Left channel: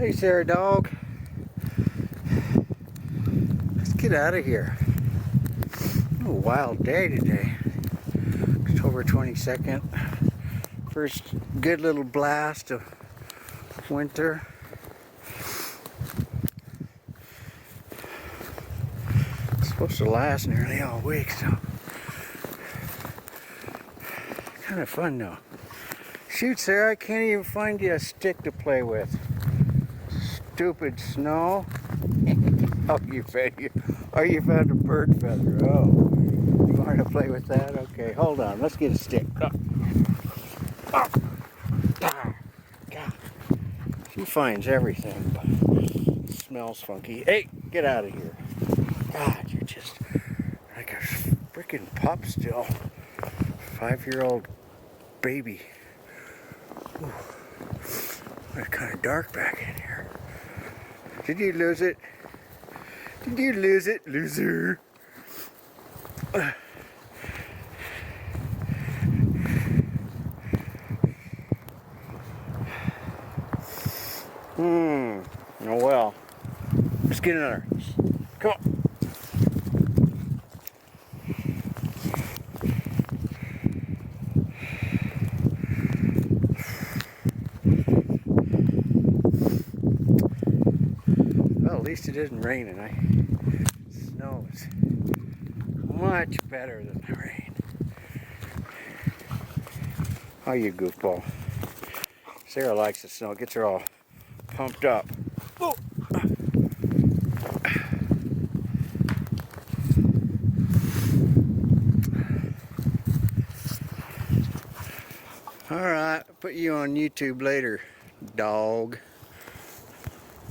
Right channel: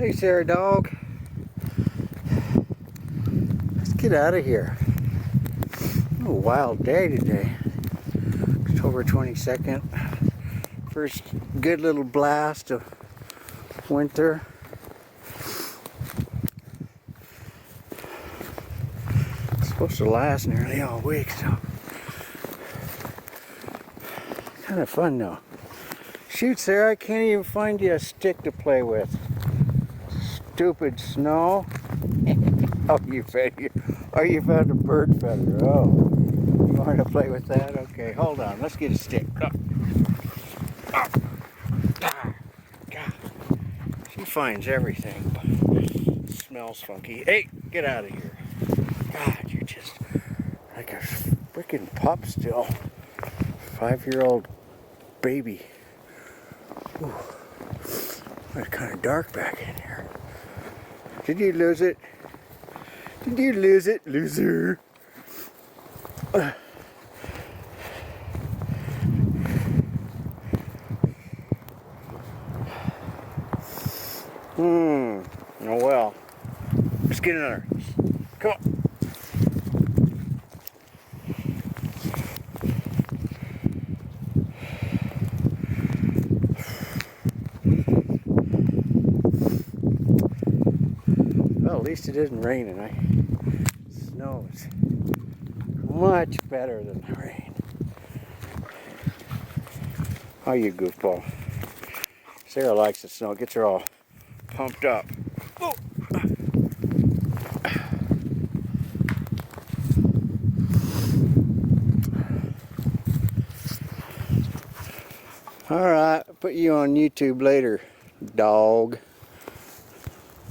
Hey, Sara dog. Let's get out of here. A wild day today. October 22nd. First good little blast of winter. It's supposed to last nearly all week, so kind of fun though. Shoot, Sara, I can't even find you a stick to play with. Stupid snow. Oh, you found a bird feather. Oh, you want to play with that? Okay, hold on. Let's get a stick. Oh. Oh. Ah. God. She finds everything, but smells funky. Hey, get out of here. God, you're just like a freaking pup still. 5-year-old baby. Ooh. It's kind of dark back in here. Did you lose it? Did you lose it, loser? Oh well. Let's get another. Come on. Well, at least it isn't raining. Snow is much better than the rain. Oh, you goofball. Sara likes the snow. It gets her all pumped up. Oh. All right, I'll put you on YouTube later, dog.